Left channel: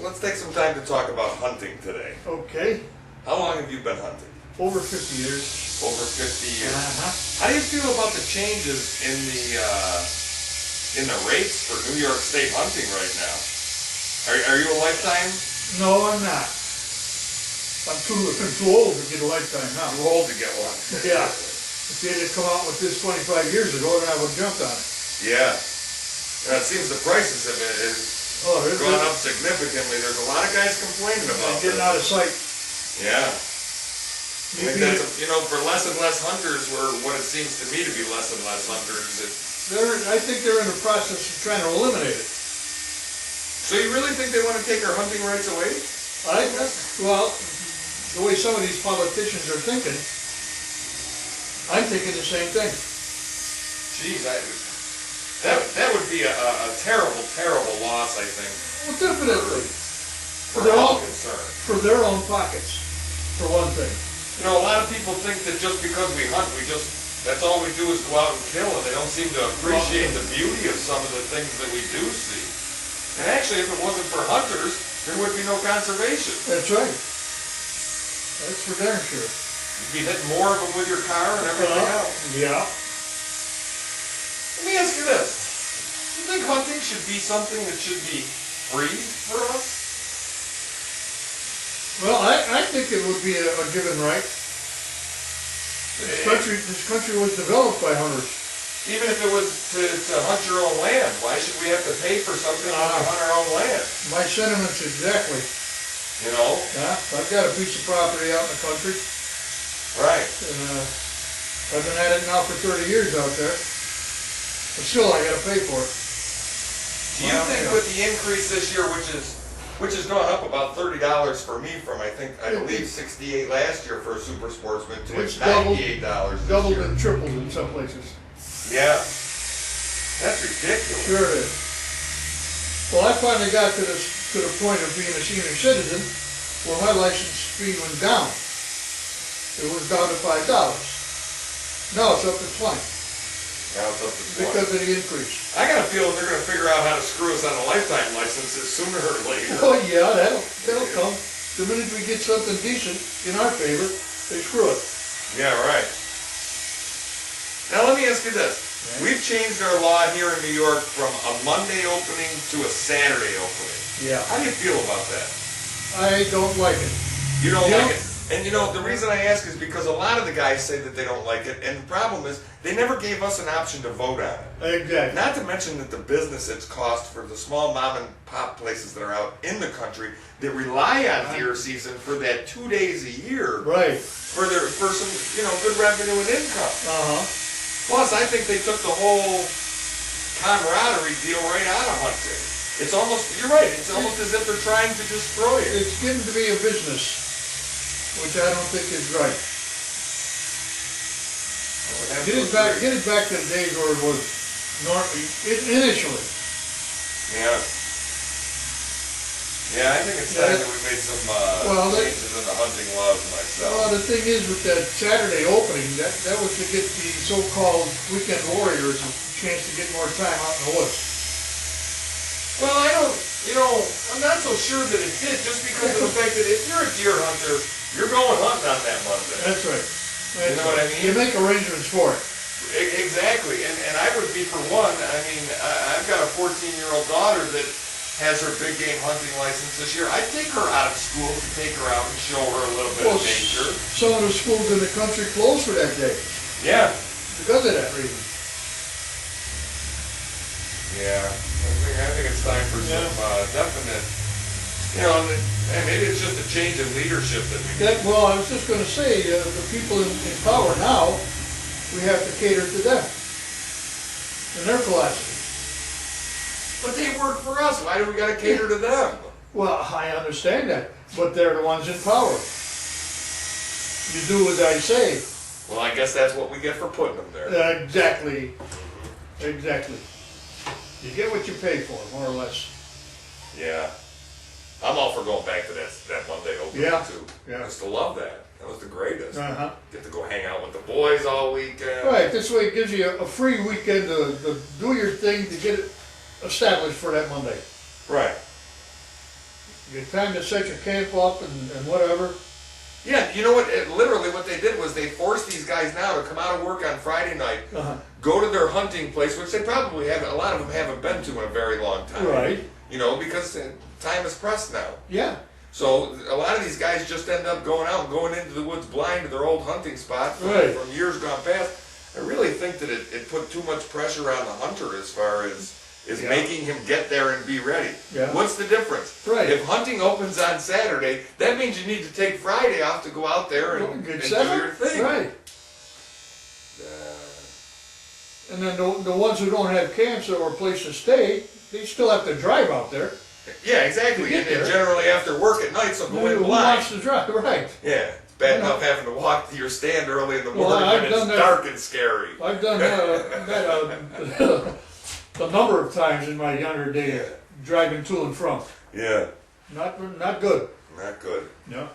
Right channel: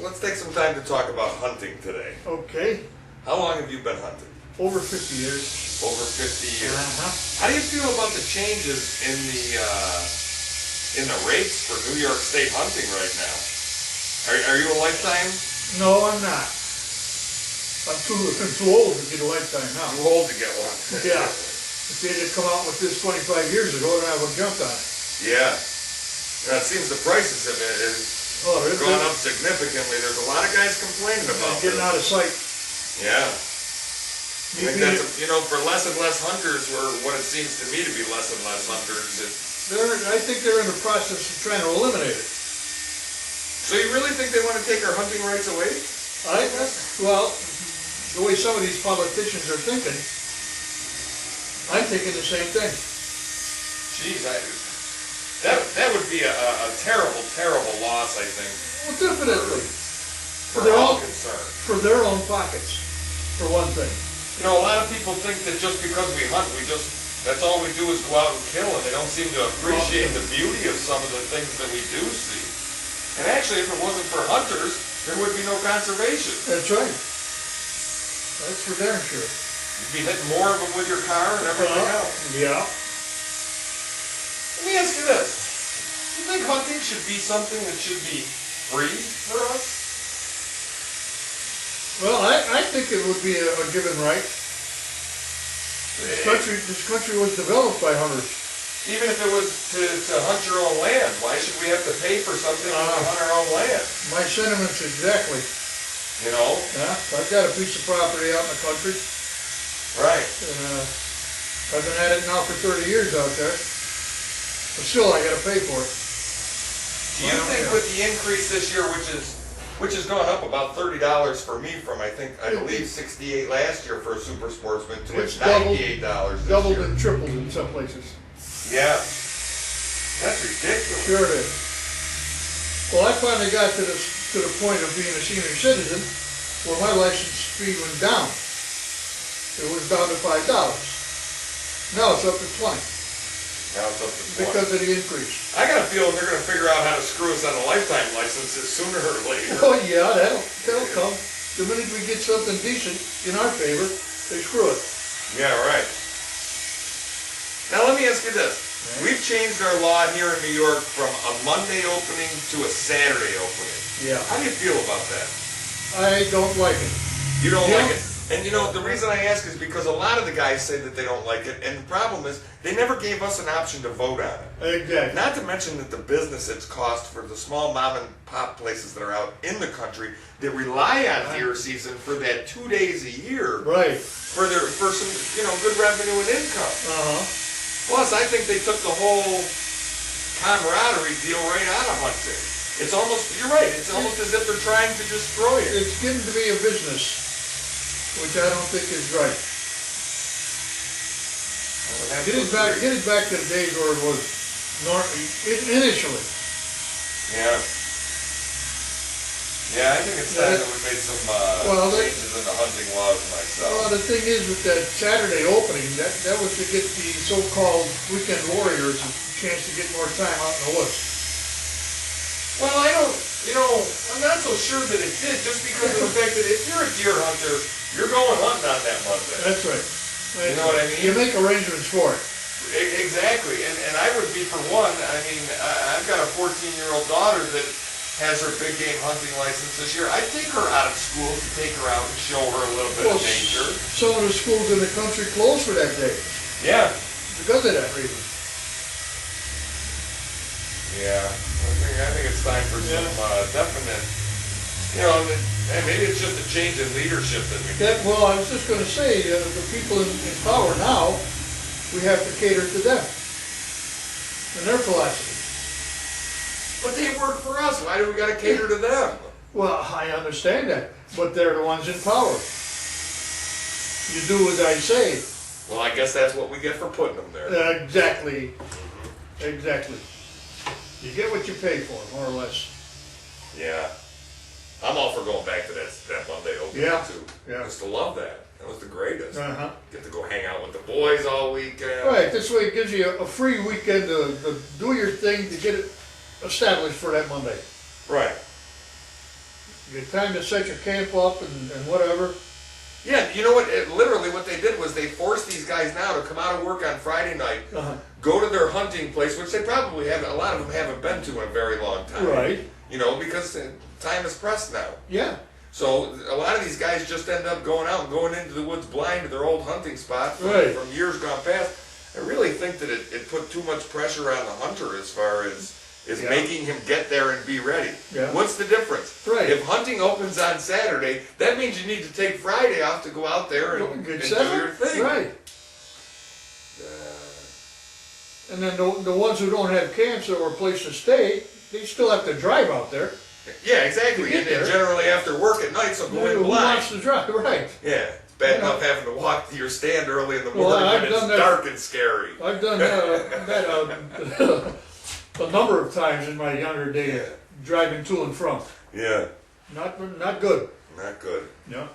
So let's take some time to talk about hunting today. Okay, How long have you been hunting? over 50 years. Over 50 years. Uh-huh. How do you feel about the changes in the rates for New York State hunting right now? Are you a lifetime? No, I'm not. I'm too old to get a lifetime now. Too old to get one. Yeah. If they had come out with this 25 years ago, then I would have jumped on it. Yeah. It seems the prices have gone up significantly. There's a lot of guys complaining about getting this. out of sight. Yeah. I think that's, for less and less hunters, or what it seems to me to be less and less hunters. I think they're in the process of trying to eliminate it. So you really think they want to take our hunting rights away? Well, the way some of these politicians are thinking, I'm thinking the same thing. Geez, that would be a terrible, terrible loss, I think. Well, definitely. For all concerned. For their own pockets, for one thing. A lot of people think that just because we hunt, that's all we do is go out and kill, and they don't seem to appreciate the beauty of some of the things that we do see. And actually, if it wasn't for hunters, there would be no conservation. That's right. That's for darn sure. You'd be hitting more of them with your car and everything else. Yeah. Let me ask you this. Do you think hunting should be something that should be free for us? Well, I think it would be a given right. This country was developed by hunters. Even if it was to hunt your own land, why should we have to pay for something when we hunt our own land? My sentiments exactly. Yeah, I've got a piece of property out in the country. Right. And I've been at it now for 30 years out there. But still, I got to pay for it. Do you think with the increase this year, which has gone up about $30 for me from I believe $68 last year for a super sportsman to It's $98 this year. Doubled and tripled in some places. Yeah. That's ridiculous. Sure it is. Well, I finally got to the point of being a senior citizen where my license fee went down. It was down to $5. Now it's up to 20. Now it's up to 20. Because of the increase. I got a feeling they're going to figure out how to screw us on the lifetime licenses sooner or later. Oh yeah, that'll come. The minute we get something decent in our favor, they screw it. Yeah, right. Now let me ask you this. Right. We've changed our law here in New York from a Monday opening to a Saturday opening. Yeah. How do you feel about that? I don't like it. You don't like it? And the reason I ask is because a lot of the guys say that they don't like it, and the problem is they never gave us an option to vote on it. Exactly. Not to mention that the business it's cost for the small mom and pop places that are out in the country that rely on deer season for that 2 days a year. Right. For some good revenue and income. Uh-huh. Plus, I think they took the whole camaraderie deal right out of hunting. It's almost, you're right, it's almost as if they're trying to destroy it. It's getting to be a business, which I don't think is right. Get it back to the days where it was initially. Yeah. Yeah, I think it's time that we made some changes in the hunting laws myself. Well, the thing is with that Saturday opening, that was to get the so-called weekend warriors a chance to get more time out in the woods. Well, I'm not so sure that it did, just because of the fact that if you're a deer hunter, you're going hunting on that Monday. That's right. You know what I mean? You make arrangements for it. Exactly, and I would be for one. I've got a 14-year-old daughter that has her big game hunting license this year. I'd take her out of school to take her out and show her a little bit of nature. Some of the schools in the country closed for that day. Yeah. Because of that reason. Yeah. I think it's time for some definite, and maybe it's just a change in leadership that we need. Well, I was just going to say, the people in power now, we have to cater to them and their philosophy. But they work for us. Why do we got to cater to them? Well, I understand that, but they're the ones in power. You do as I say. Well, I guess that's what we get for putting them there. Exactly. Exactly. You get what you pay for, more or less. Yeah. I'm all for going back to that Monday opening, too. Yeah. I used to love that. That was the greatest. Uh-huh. Get to go hang out with the boys all weekend. Right, this way it gives you a free weekend to do your thing, to get it established for that Monday. Right. You get time to set your camp up and whatever. Yeah, you know what? Literally, what they did was they forced these guys now to come out of work on Friday night, go to their hunting place, which they probably haven't. A lot of them haven't been to in a very long time. Right. You know, because time is pressed now. Yeah. So a lot of these guys just end up going out and going into the woods blind to their old hunting spot from, Right. from years gone past. I really think that it put too much pressure on the hunter as far as making him get there and be ready. Yeah. What's the difference? Right. If hunting opens on Saturday, that means you need to take Friday off to go out there and do your thing. Right. And then the ones who don't have camps or a place to stay, they still have to drive out there. Yeah, exactly. And generally after work at night, so go in Who blind. wants to drive? Right. Yeah. It's bad enough having to walk to your stand early in the morning I've when done it's that. dark and scary. I've done that a number of times in my younger days, driving to and from. Yeah. Not good. Not good. Yeah.